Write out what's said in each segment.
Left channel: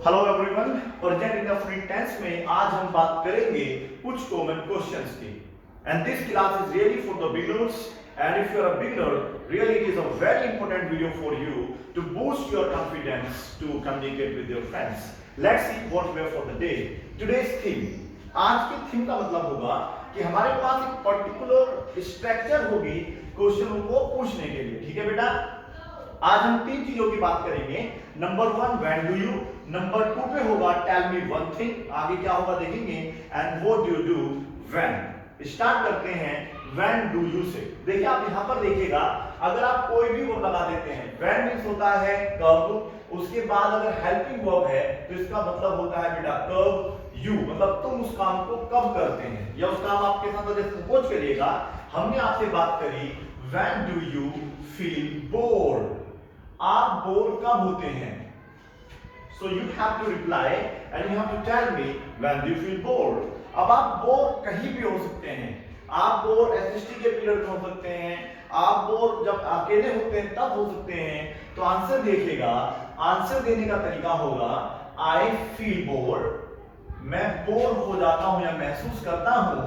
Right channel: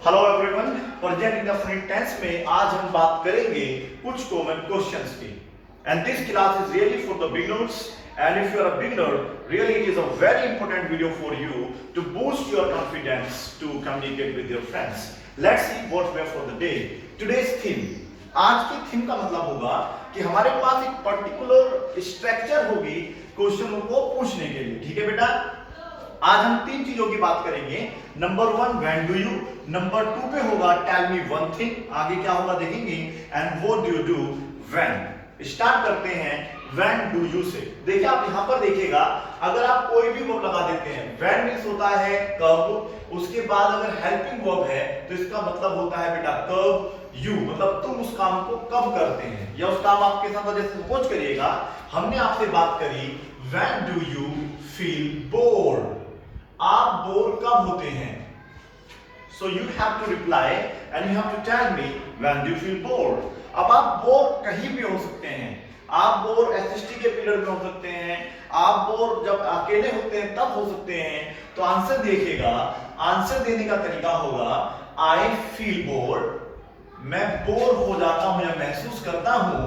Hello everyone, present indefinite tense में आज हम बात करेंगे कुछ कॉमन क्वेश्चंस की। And this class is really for the beginners, and if you are a beginner, really it is a very important video for you to boost your confidence to communicate with your friends. Let's see what we have for the day. Today's theme, आज की theme का मतलब होगा कि हमारे पास एक particular structure होगी question को पूछने के लिए। ठीक है बेटा, आज हम तीन चीजों की बात करेंगे। Number one, when do you. Number two पे होगा टेल मी वन थिंग, आगे क्या होगा देखेंगे, and what do you do when. Start करते हैं व्हेन डू यू से। देखिए आप यहां पर देखिएगा, अगर आप कोई भी वर्ब लगा देते हैं, व्हेन मींस होता है कब, उसके बाद अगर हेल्पिंग वर्ब है तो इसका मतलब होता है बेटा कब यू, मतलब तुम उस काम को कब करते हैं या उस काम आपके साथ। जैसे सपोज करिएगा हमने आपसे बात करी when do you feel bored, आप बोर कब होते हैं। So you have to reply and you have to tell me when do you feel bored. अब आप बोर कहीं भी हो सकते हैं, आप बोर एसएसटी के पीरियड में हो सकते हैं, आप बोर जब अकेले होते हैं तब हो सकते हैं। तो आंसर देखिएगा, आंसर देने का तरीका होगा आई फील बोर्ड, मैं बोर हो जाता हूं या महसूस करता हूं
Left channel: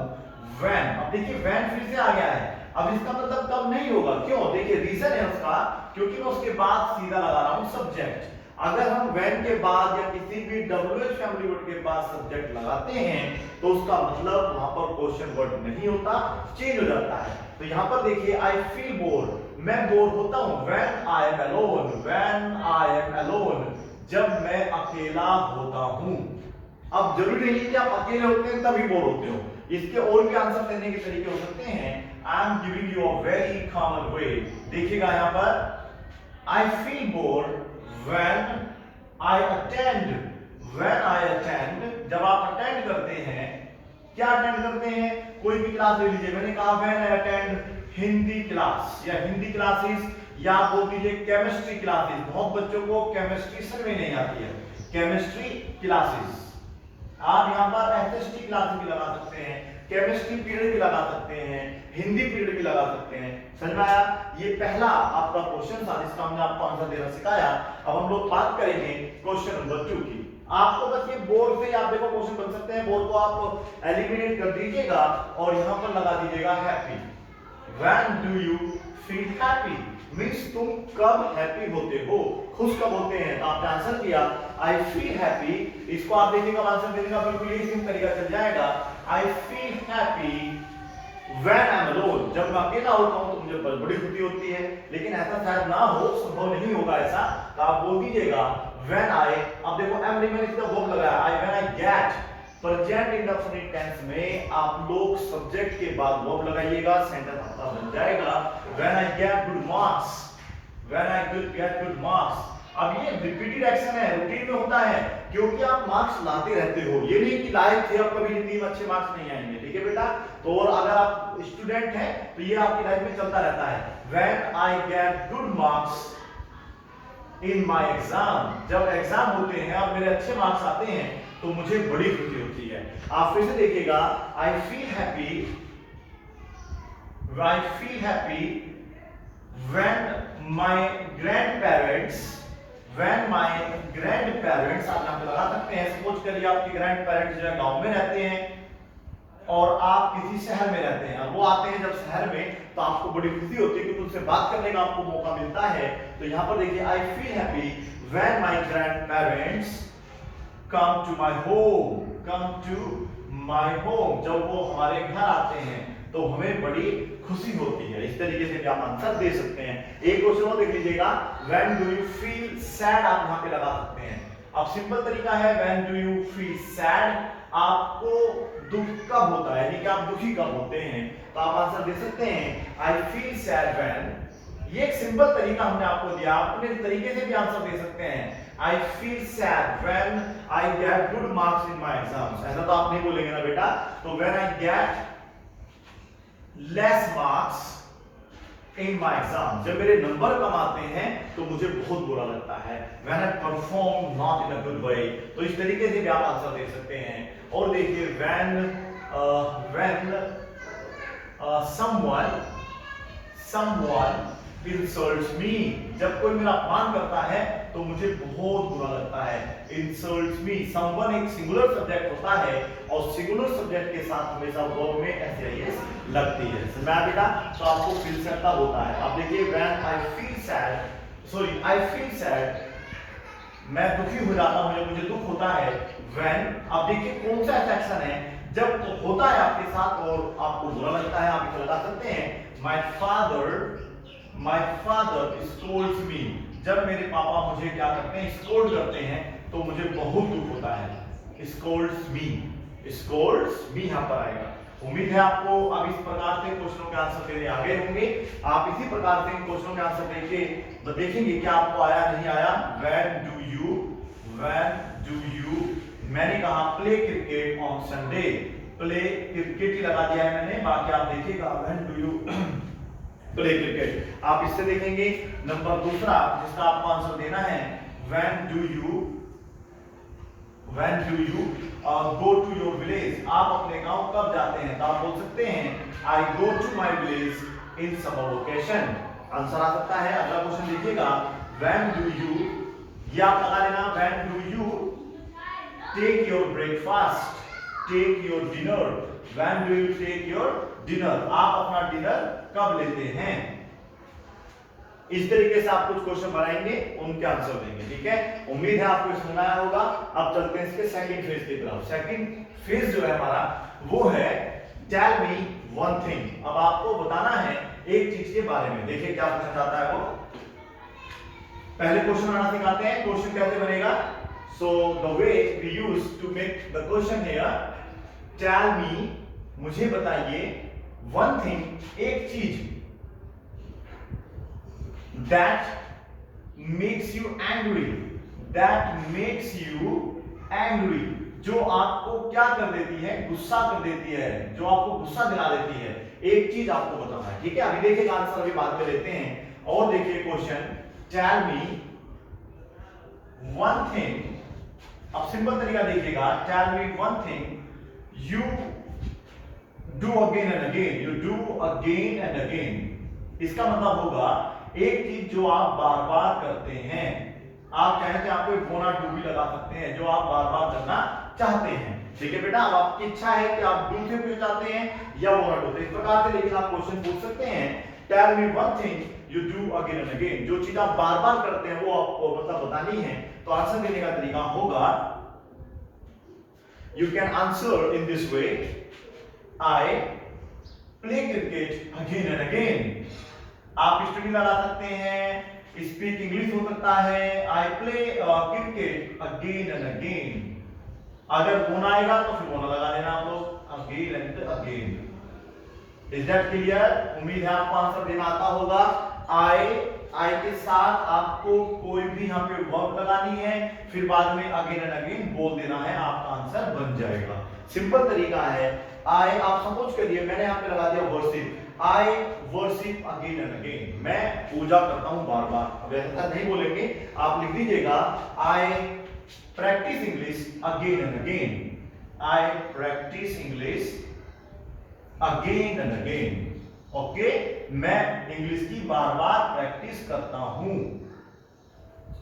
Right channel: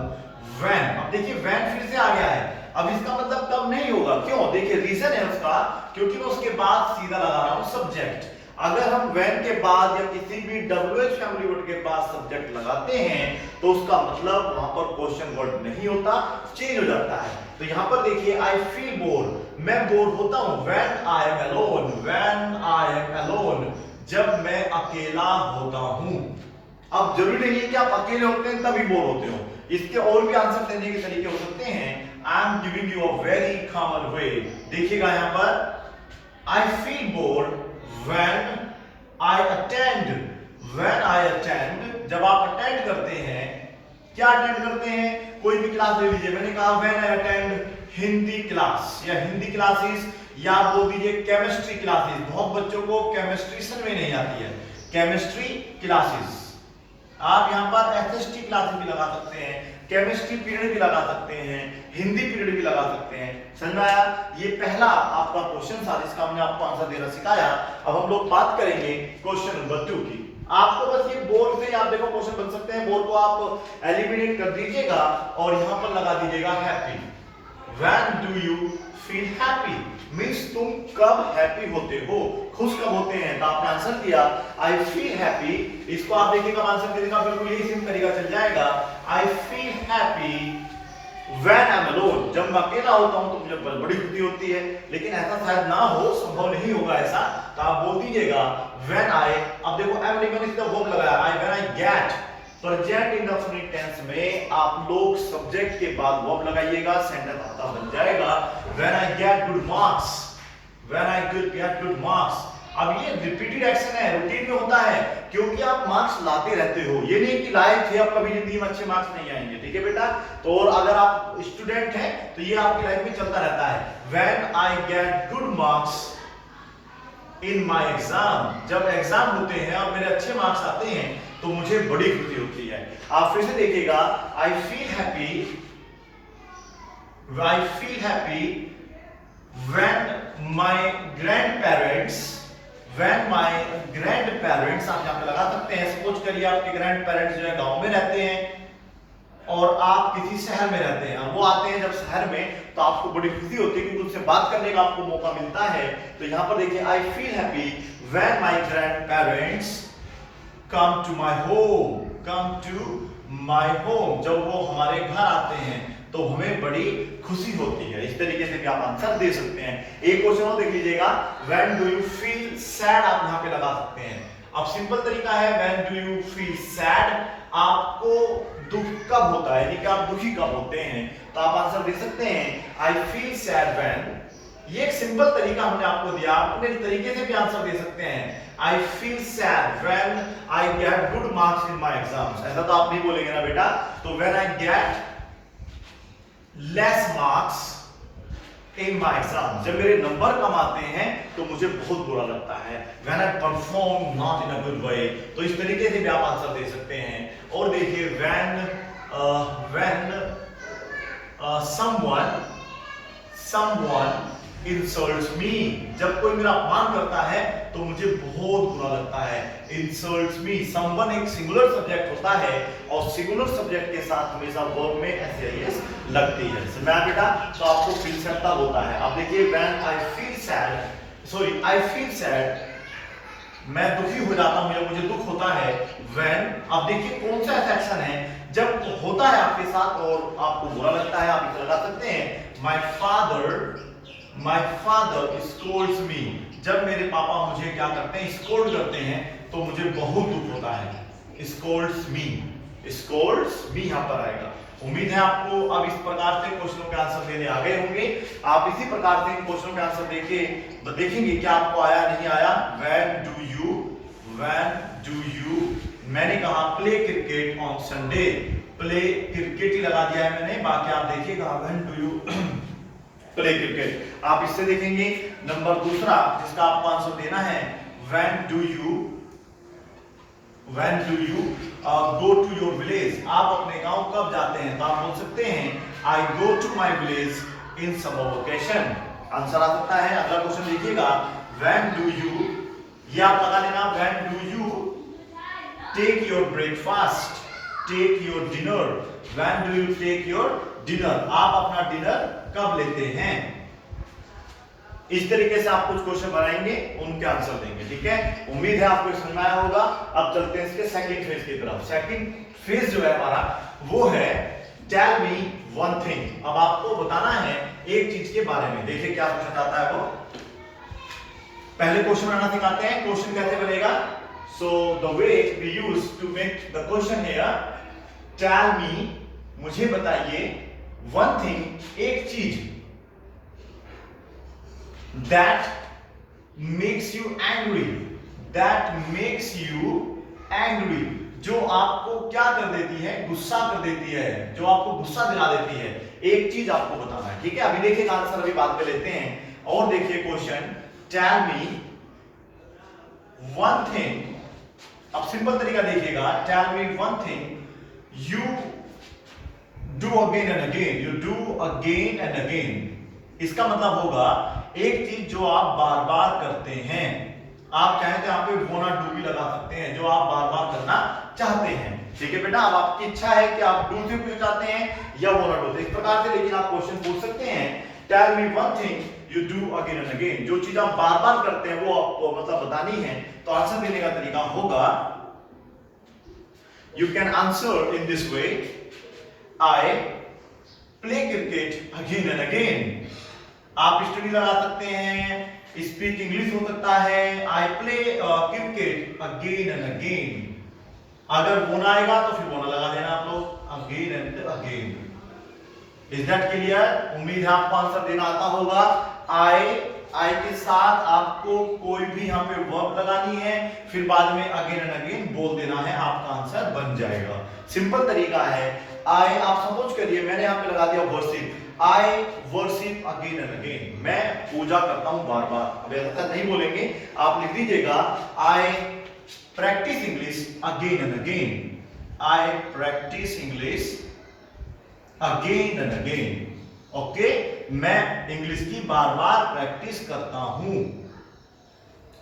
व्हेन। अब देखिए व्हेन फिर से आ गया है, अब इसका मतलब कब नहीं होगा। क्यों? देखिए रीजन है उसका, क्योंकि मैं उसके बाद सीधा लगा रहा हूं सब्जेक्ट। अगर हम व्हेन के बाद या किसी भी WH फैमिली वर्ड के बाद सब्जेक्ट लगाते हैं तो उसका मतलब वहां पर क्वेश्चन वर्ड नहीं होता, चेंज हो जाता है। तो यहां पर देखिए आई फील बोर, मैं बोर होता हूं when I am alone, when I am alone, जब मैं अकेला होता हूं। अब जरूरी नहीं है कि आप अकेले होते हैं तभी बोर होते हो, इसके और भी आंसर देने के तरीके हो सकते हैं। I am giving you a very common वे। देखिएगा यहां पर I feel bored when I attend, when I attend, जब आप अटेंड करते हैं। क्या अटेंड करते हैं? कोई भी क्लास ले लीजिए, मैंने कहा when I attend Hindi class या हिंदी क्लासेस, या आप बोल दीजिए केमिस्ट्री क्लासेस। बहुत बच्चों को केमिस्ट्री समझ में नहीं आती है, केमिस्ट्री क्लासेस। आप यहां पर एसएसटी क्लासेस भी लगा सकते हैं, केमिस्ट्री पीरियड भी लगा सकते हैं, हिंदी पीरियड भी लगा सकते हैं। समझ में आया? ये पहला आपका क्वेश्चन था जिसका हमने आपको आंसर देना सिखाया। अब हम लोग बात करेंगे क्वेश्चन नंबर 2 की। आपको बस ये बोर से आप देखो क्वेश्चन बन सकते हैं, बोर को आप एलिमिनेट कर दीजिएगा और यहां पर लगा दीजिएगा happy. When do you feel happy means तुम कब हैप्पी होते हो, खुश कब होते हैं। तो आपने आंसर दिया आई फील हैप्पी। इसको आप देखिएगा आंसर देने का बिल्कुल यही सिंपल तरीका चल जाएगा। आई feel happy when I am alone, जब मैं अकेला होता हूं तो मुझे बड़ी खुशी होती है। लेकिन ऐसा शायद ना हो, संभव नहीं होगा ऐसा, तो आप बोल दीजिएगा व्हेन आई। अब देखो एम नहीं, मैंने सीधा वर्ब लगाया I, when I get. Present indefinite tense में आप लोग सब्जेक्ट के बाद वर्ब लगाइएगा, सेंटेंस आपका बन जाएगा when I get good marks, when I get good marks. अब ये रिपीटेड एक्शन है, रूटीन में होता है, क्योंकि आप मार्क्स लाते रहते हो। ये नहीं कि लाए थे अब कभी जिंदगी में अच्छे मार्क्स नहीं आएंगे। ठीक है बेटा, तो और अगर आप स्टूडेंट हैं तो ये आपकी लाइफ में चलता रहता है। When I get good marks in my exam, जब एग्जाम होते हैं और मेरे अच्छे मार्क्स आते हैं तो मुझे बड़ी खुशी होती है। आप फिर से देखिएगा आई feel happy, I feel happy when my grandparents, when my grandparents. आप यहां पे लगा सकते हैं, सपोज करिए आपके ग्रैंडपेरेंट्स जो है गांव में रहते हैं और आप किसी शहर में रहते हैं, वो आते हैं जब शहर में तो आपको बड़ी खुशी होती है क्योंकि उनसे बात करने का आपको मौका मिलता है। तो यहां पर देखिए I feel happy when my grandparents come to my home, come to my home, जब वो हमारे घर आते हैं तो हमें बड़ी खुशी होती है। इस तरीके से भी आप आंसर दे सकते हैं। एक क्वेश्चन और देख लीजिएगा, when do you feel sad, आप यहां पे लगा सकते हैं। अब सिंपल तरीका है when do you feel sad, आपको दुख कब होता है, यानी कि आप दुखी कब होते हैं। तो आप आंसर दे सकते हैं आई फील सैड व्हेन। ये एक सिंपल तरीका हमने आपको दिया, आप अपने तरीके से भी आंसर दे सकते हैं। I feel sad when I get good marks in my exams. ऐसा तो आप नहीं बोलेंगे ना बेटा, तो when I get less marks in my exam, जब मेरे नंबर कम आते हैं तो मुझे बहुत बुरा लगता है। When I perform not in a good way, तो इस तरीके से भी आप आंसर दे सकते हैं। और देखिए व्हेन समवन insults me, जब कोई मेरा अपमान करता है तो मुझे बहुत बुरा लगता है। insults me, someone एक सिंगुलर सब्जेक्ट होता है और सिंगुलर सब्जेक्ट के साथ हमेशा वर्ब में एस लगती है। समझ में बेटा? तो आपको फील सैड तब होता है। अब देखिए when I feel sad, मैं दुखी हो जाता हूं या मुझे दुख होता है। when, अब देखिए कौन सा ऐसा एक्शन है जब होता है आपके साथ और आपको बुरा लगता है। आप इसे लगा सकते हैं my father scolds me, जब मेरे पापा मुझे क्या करते हैं, स्कोल्ड करते हैं तो मुझे बहुत दुख होता है। scolds me यहां पर आएगा। उम्मीद है आपको अब इस प्रकार से क्वेश्चनों के आंसर देने आ गए होंगे। आप इसी प्रकार से इन क्वेश्चनों के आंसर देखेंगे क्या आपको आया नहीं आया। when do you, मैंने कहा play cricket on Sunday, play cricket ही लगा दिया है मैंने, बाकी आप देखिएगा when do you play cricket. आप इससे देखेंगे। नंबर दूसरा जिसका आपको आंसर देना है when do you go to your village, आप अपने गांव कब जाते हैं। तो आप बोल सकते हैं I go to my village in summer vacation। Answer आ सकता है। अगला क्वेश्चन देखिएगा when do you, ये आप लगा लेना when do you take your breakfast, take your dinner, when do you take your dinner, आप अपना डिनर कब लेते हैं। इस तरीके से आप कुछ क्वेश्चन बनाएंगे, उनके आंसर देंगे। ठीक है, उम्मीद है आपको समझ में आया होगा। अब चलते हैं इसके सेकंड फेज की तरफ। सेकंड फेज जो है हमारा वो है टेल मी वन थिंग। अब आपको बताना है एक चीज के बारे में। देखिए क्या पूछा जाता है वो। पहले क्वेश्चन बनाना सिखाते हैं। क्वेश्चन कैसे बनेगा। So the way we use to make the question here, tell me, मुझे बताइए, वन थिंग, एक चीज, that makes you angry, जो आपको क्या कर देती है, गुस्सा कर देती है, जो आपको गुस्सा दिला देती है। एक चीज आपको बताना है। ठीक है, अभी देखिए आंसर अभी बात पे लेते हैं। और देखिए question tell me one thing. अब सिंपल तरीका देखिएगा, tell me one thing you do again and again. इसका मतलब होगा एक चीज जो आप बार बार करते हैं। आप चाहे तो यहाँ पे वोना डू भी लगा सकते हैं, जो आप बार बार करना चाहते हैं। ठीक है बेटा, अब आपकी इच्छा है कि आप डू से पूछना चाहते हैं या वोना डू से, इस प्रकार से लेकिन आप क्वेश्चन पूछ सकते हैं tell me one thing you do again and again. जो चीज आप बार बार करते हैं वो आपको मतलब बतानी है। तो आंसर देने का तरीका होगा, you can answer in this way, I play cricket again and again. आप स्टडी लगा सकते हैं, स्पीक इंग्लिश हो सकता है, I play cricket again and again. अगर बोना आएगा तो फिर बोना लगा देना आप लोग, again and again. Is that clear? उम्मीद है आपको आंसर देना आता होगा। आई के साथ आपको कोई भी यहाँ पे वर्ब लगानी है, फिर बाद में अगेन एंड अगेन बोल देना है, आपका आंसर बन जाएगा। सिंपल तरीका है। आई, आप सपोज करिए मैंने यहाँ पे लगा दिया worship, I worship again and again, मैं पूजा करता हूं बार बार। अब ऐसा नहीं बोलेंगे, आप लिख दीजिएगा I practise English again and again, I practise English again and again. Okay, मैं इंग्लिश की बार बार प्रैक्टिस करता हूं।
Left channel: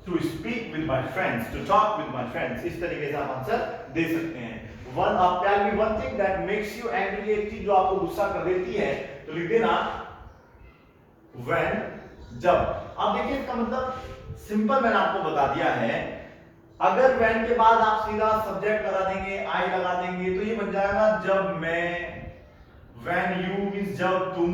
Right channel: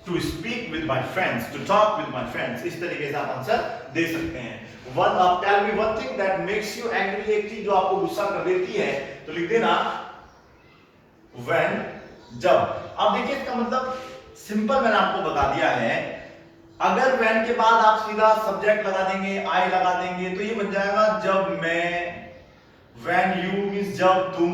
To speak with my friends, to talk with my friends. इस तरीके से आप आंसर दे सकते हैं। वन, आप tell me one thing that makes you angry, एक चीज जो आपको गुस्सा कर देती है, तो लिख देना when, जब। अब देखिए इसका मतलब सिंपल मैंने आपको बता दिया है। अगर when के बाद आप सीधा सब्जेक्ट लगा देंगे, आई लगा देंगे, तो ये बन जाएगा जब मैं, when you मींस जब तुम।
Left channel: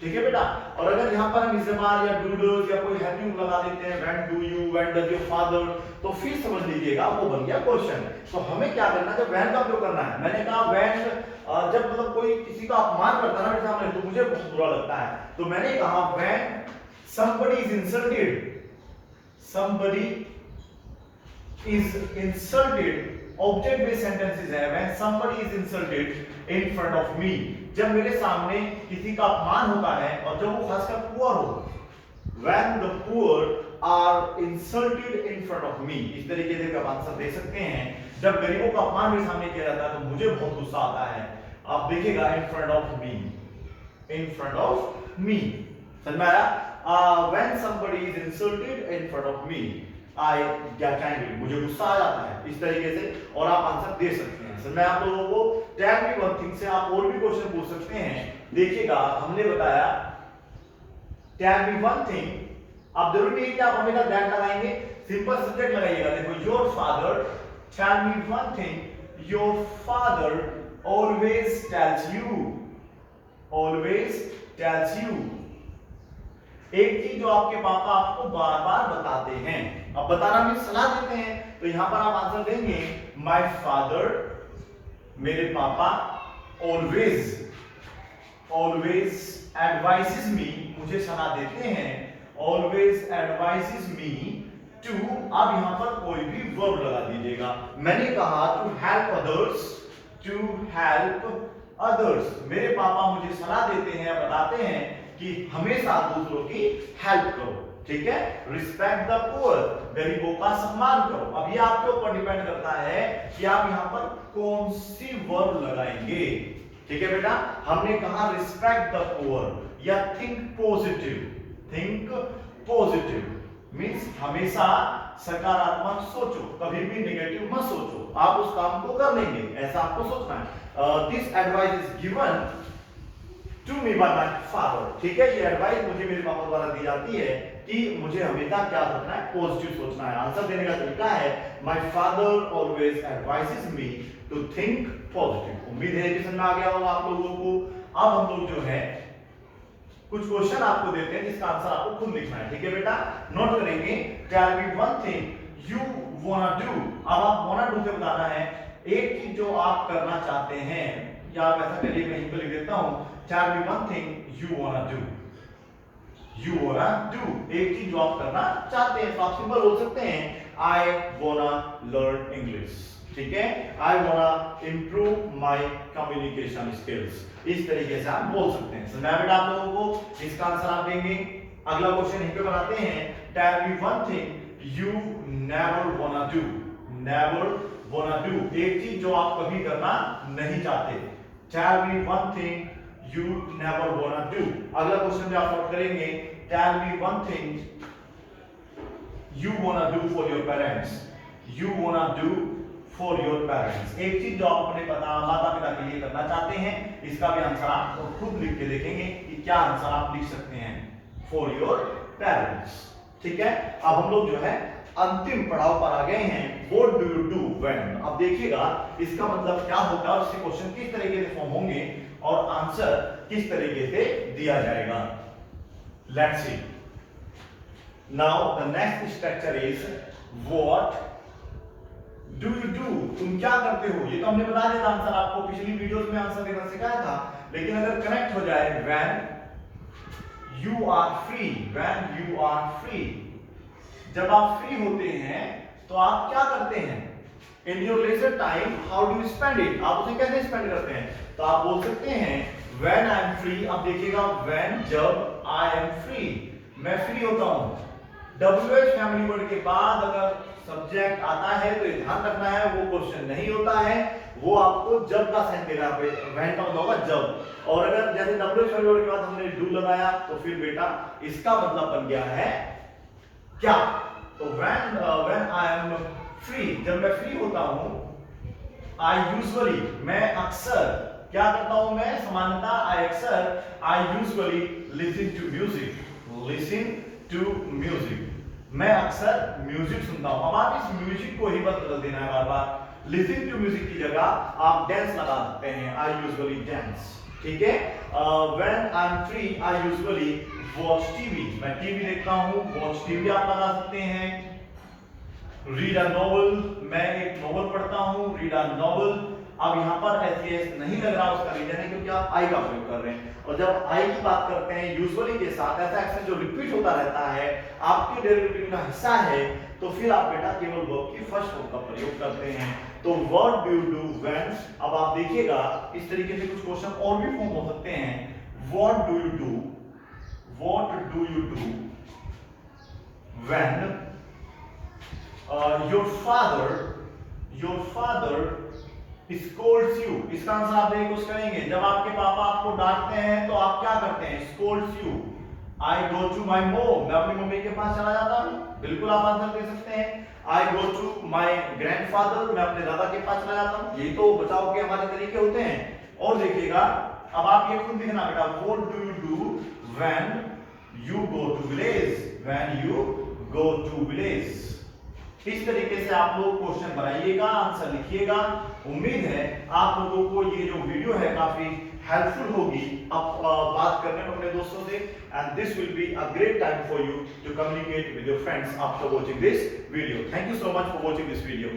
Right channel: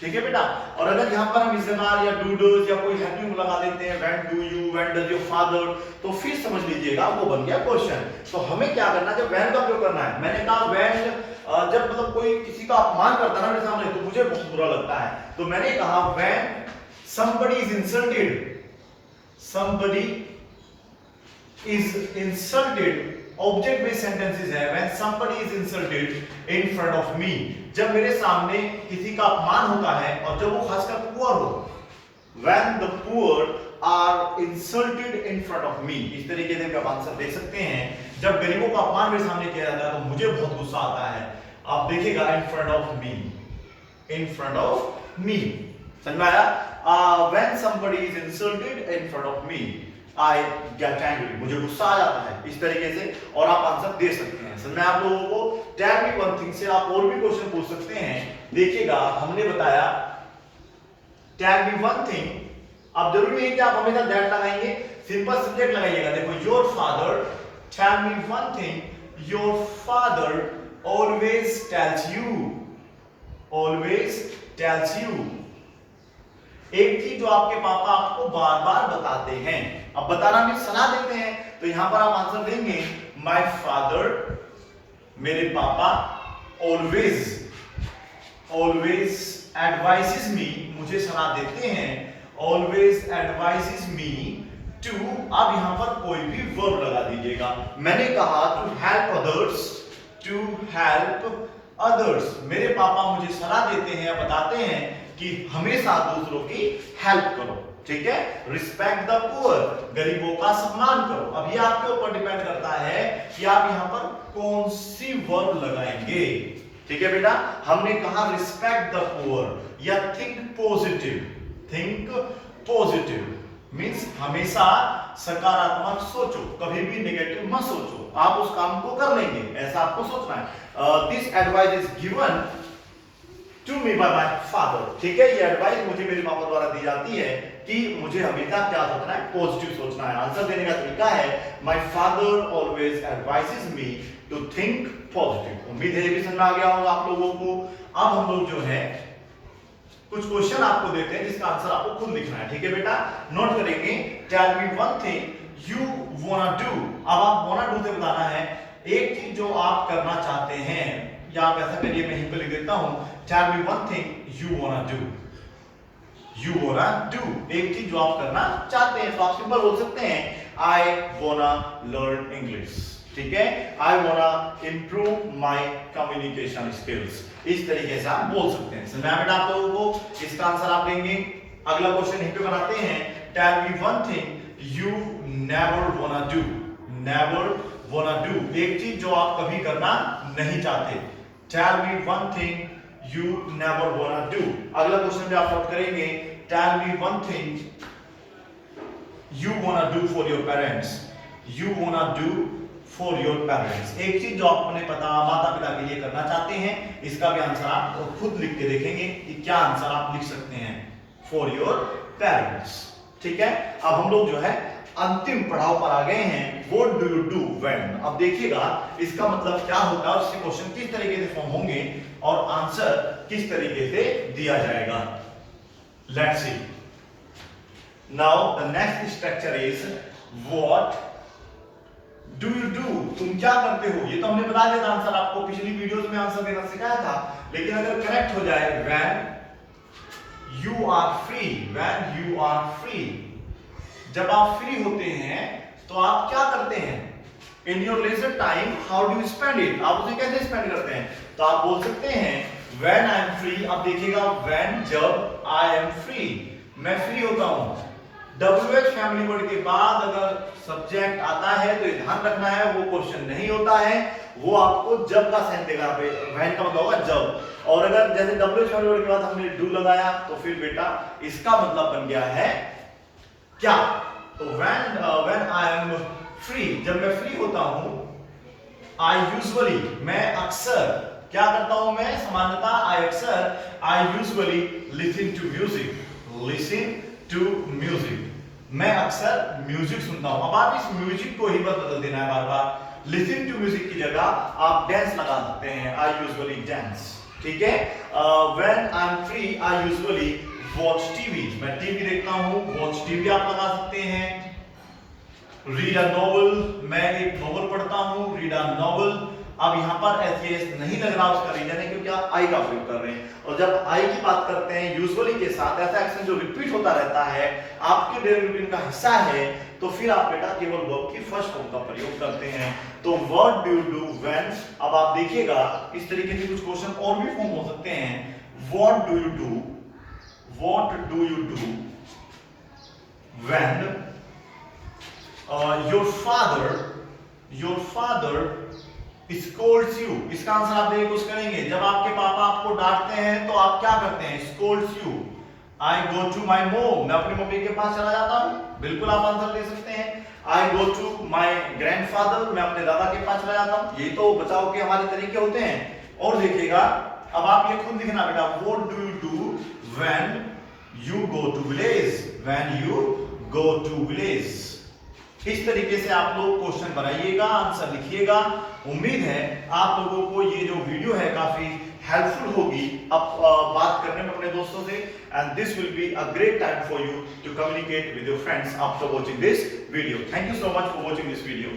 ठीक है बेटा, और अगर यहाँ पर हम इस्तेमाल या डू डूज या कोई हैव यू लगा देते हैं, when do you, when does your father, तो फिर समझ लीजिएगा वो बन गया क्वेश्चन। तो हमें क्या करना है, जब when का उपयोग करना है। मैंने कहा when, जब मतलब कोई किसी का अपमान करता है ना मेरे सामने, तो मुझे बहुत बुरा लगता है। तो मैंने कहा when somebody is insulted, object based sentences है। when somebody is insulted in front of me, जब मेरे सामने किसी का अपमान होता है, और जब वो खासकर पुअर हो, when the poor are insulted in front of me, इस तरीके से आप आंसर दे सकते हैं। जब गरीबों का अपमान मेरे सामने किया जाता है तो मुझे बहुत गुस्सा आता है। आप देखिएगा in front of me, समझ में आया? when somebody is insulted in front of me, I get angry, मुझे गुस्सा आ जाता है, इस तरीके से, और आप आंसर दे सकते हैं। सर मैं आप लोगों को टेल मी वन थिंग से आप और भी क्वेश्चन पूछ सकते हैं। देखिएगा हमने बताया टेल मी वन थिंग, अब जरूरी नहीं कि आप हमेशा दैट लगाएंगे, सिंपल सब्जेक्ट लगाइएगा। देखो your father, tell me one thing your father always tells you, always tells you. एक चीज जो आपके पापा आपको बार बार बताते हैं, अब बताना भी सलाह देते हैं, तो यहां पर आप आंसर देंगे माय फादर, मेरे पापा, ऑलवेज, ऑलवेज एडवाइसेस मी, मुझे सलाह देते हैं, ऑलवेज एडवाइसेस मी टू, अब यहां पर कोई भी वर्ब लगा दीजिएगा। मैंने कहा to help others, to help others, मेरे पापा मुझे सलाह देते हैं, बताते हैं कि हमेशा दूसरों की हेल्प करो, ठीक है। रिस्पेक्ट द पुअर, गरीबों का सम्मान करो। अब ये आपके ऊपर डिपेंड करता है कि आप यहां पर कौन सी वर्ब लगाएंगे, ठीक है बेटा। हमने कहा रिस्पेक्ट द पुअर या think positive, think positive means हमेशा सकारात्मक सोचो, कभी भी नेगेटिव मत सोचो, आप उस काम को कर लेंगे, ऐसा आपको सोचना है। This advice is given to me by my father, ठीक है। ये एडवाइस मुझे मेरे पापा द्वारा दी जाती है कि मुझे हमेशा क्या सोचना है, पॉजिटिव सोचना है। आंसर देने का तरीका है my father always advises me to think positive. उम्मीद है ये भी समझ में आ गया होगा आप लोगों को। अब हम लोग जो है कुछ क्वेश्चन आपको देते हैं जिसका आंसर आपको खुद लिखना है, ठीक है बेटा। नोट करेंगे tell me one thing you wanna do, अब आप वांना डू से बताना है एक चीज जो आप करना चाहते हैं, या आप ऐसा करिए मैं यहीं पे लिख देता हूं tell me one thing you wanna do, you wanna do, एक चीज जो आप करना चाहते हैं। तो आप सिंपल बोल सकते हैं आई वांना लर्न इंग्लिश, ठीक है। I wanna improve my communication skills, इस तरीके से आप बोल सकते हैं। समझा बेटा आप लोगों को। इसका आंसर आप देंगे। अगला क्वेश्चन यहीं पे बनाते हैं tell me one thing you never wanna do, never wanna do, एक चीज जो आप कभी करना नहीं चाहते। Tell me one thing you never wanna do. अगला क्वेश्चन भी आप नोट करेंगे tell me one thing you wanna do for your parents, you wanna do for your parents, एक चीज जो आप अपने माता पिता के लिए करना चाहते हैं। इसका भी आंसर आप खुद लिख के देखेंगे कि क्या आंसर आप लिख सकते हैं फॉर योर पेरेंट्स, ठीक है। अब हम लोग जो है अंतिम पड़ाव पर आ गए हैं, what do you do when. अब देखिएगा इसका मतलब क्या होगा और इससे क्वेश्चन किस तरीके से फॉर्म होंगे और आंसर किस तरीके से दिया जाएगा। Let's see now the next structure is what do you do, तुम क्या करते हो। ये तो हमने बता दिया था आंसर आपको, पिछली वीडियोस में आंसर देना सिखाया था। लेकिन अगर कनेक्ट हो जाए when you are free, when you are free, जब आप फ्री होते हैं तो आप क्या करते हैं। In your leisure time how do you spend it, आप उसे कैसे स्पेंड करते हैं। तो आप बोल सकते हैं व्हेन आई एम फ्री। अब देखिएगा व्हेन, जब, आई एम फ्री, मैं फ्री होता हूं। WH फैमिली वर्ड के बाद अगर सब्जेक्ट आता है तो ये ध्यान रखना है वो क्वेश्चन नहीं होता है, वो आपको जब का सेंस देगा। पे व्हेन का मतलब होगा जब, और अगर जैसे WH फैमिली वर्ड के बाद हमने डू लगाया तो फिर बेटा इसका मतलब बन गया है क्या। तो व्हेन आई एम फ्री, जब मैं फ्री होता हूं। आई यूजुअली, मैं अक्सर क्या करता हूं, मैं सामान्यतः आई अक्सर, I usually listen to music, listen to music, मैं अक्सर म्यूजिक सुनता हूं। अब आप इस म्यूजिक को ही बदल देना है बार बार, लिसन टू म्यूजिक की जगह आप डांस लगा सकते हैं, आई यूजुअली डांस, ठीक है। When I am free I usually watch TV, मैं टीवी देखता हूं, वॉच टीवी आप लगा सकते हैं। रीड अ नॉवल, मैं एक नॉवल पढ़ता हूं, रीड अ नॉवल। अब यहां पर एस नहीं लग रहा, उसका रीजन है क्योंकि आप आई का प्रयोग कर रहे हैं, और जब आई की बात करते हैं यूजुअली के साथ ऐसा एक्शन जो रिपीट होता रहता है, आपके डेली रूटीन का हिस्सा है, तो फिर आप बेटा केवल वर्ब की फर्स्ट फॉर्म का प्रयोग करते हैं। तो what do you do when. अब आप देखिएगा इस तरीके से कुछ क्वेश्चन और भी फॉर्म हो सकते हैं। What do you do, what do you do when your father scolds you, इसका आंसर आप देखिए कुछ करेंगे। जब आपके पापा आपको डांटते हैं तो आप क्या करते हैं, scolds you, I go to my mom, मैं अपनी मम्मी के पास चला जाता हूँ, बिल्कुल आप आंसर दे सकते हैं। आई गो टू माई ग्रैंडफादर, मैं अपने दादा के पास चला जाता हूँ। यही तो बचाव के हमारे तरीके होते हैं। और देखिएगा, अब आप ये खुद लिखना बेटा, what do you do when you go to village, when you go to village. इस तरीके से आप लोग क्वेश्चन बनाइएगा, आंसर लिखिएगा। उम्मीद है आप लोगों को ये जो वीडियो है काफी हेल्पफुल होगी अब बात करने में अपने दोस्तों से, and this will be a great time for you to communicate with your friends after watching this video. Thank you so much for watching this video.